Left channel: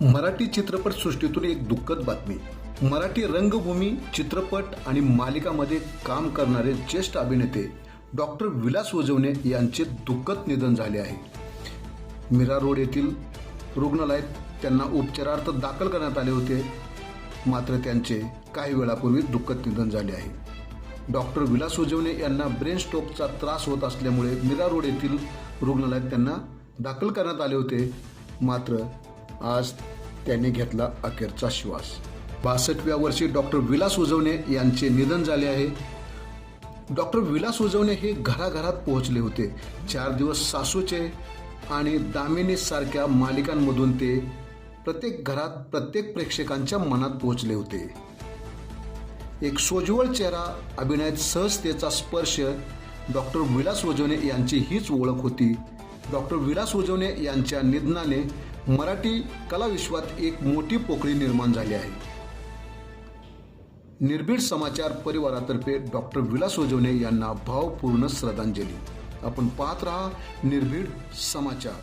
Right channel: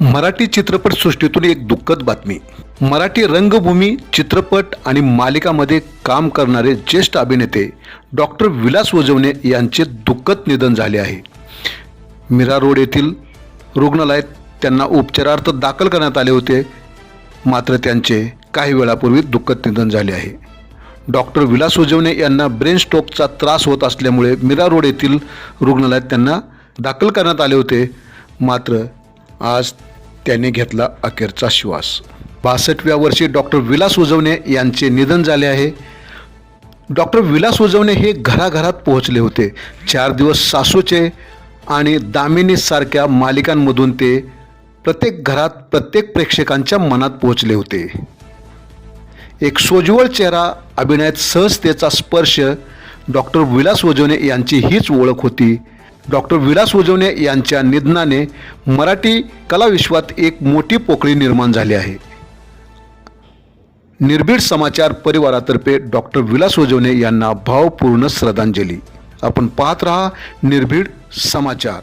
मराठी चित्रपटसृष्टीतून एक दुःखद बातमी. मराठी रंगभूमी चित्रपट आणि मालिकामध्ये काम करणारे ज्येष्ठ अभिनेते डॉक्टर विलास वजवणे यांचे दुःखद निधन झाले आहे. मीरा रोड येथील रुग्णालयात त्यांना उपचारार्थ दाखल करण्यात आले होते. मात्र त्यांचे काही वेळापूर्वी दुःखद निधन झाले आहे. डॉक्टर विलास उजवणे यांना ब्रेन स्ट्रोकचा त्रास होत असल्यामुळे मीरा रोड येथील रुग्णालयात त्यांना दाखल करण्यात आले होते. मात्र आज त्यांनी घेतला अखेरचा श्वास. बासष्टव्या वर्षी डॉक्टर विलास उजवणे यांचे निधन झाले आहे. डॉक्टर विलास उजवणे हे घराघरात पोहोचले होते. चार दिवस सासूचे आणि दामिनी सारख्या मालिकांमधून ते प्रत्येक घरात प्रत्येक प्रेक्षकांच्या मनात पोहोचले होते. एक सोज्वळ चेहरा अभिनयात सहजतेचा स्पर्श डॉक्टर विलास वजवणे यांची हीच ओळख होती. डॉक्टर विलास उजवणे यांच्या निधनाने मराठी कलाविश्वात एक मोठी पोकळी निर्माण झाली आहे. निर्भीड समाचार परिवारातर्फे डॉक्टर विलास उजवणे यांना भावपूर्ण श्रद्धांजली. आपण पाहत रहा निर्भीड समाचार.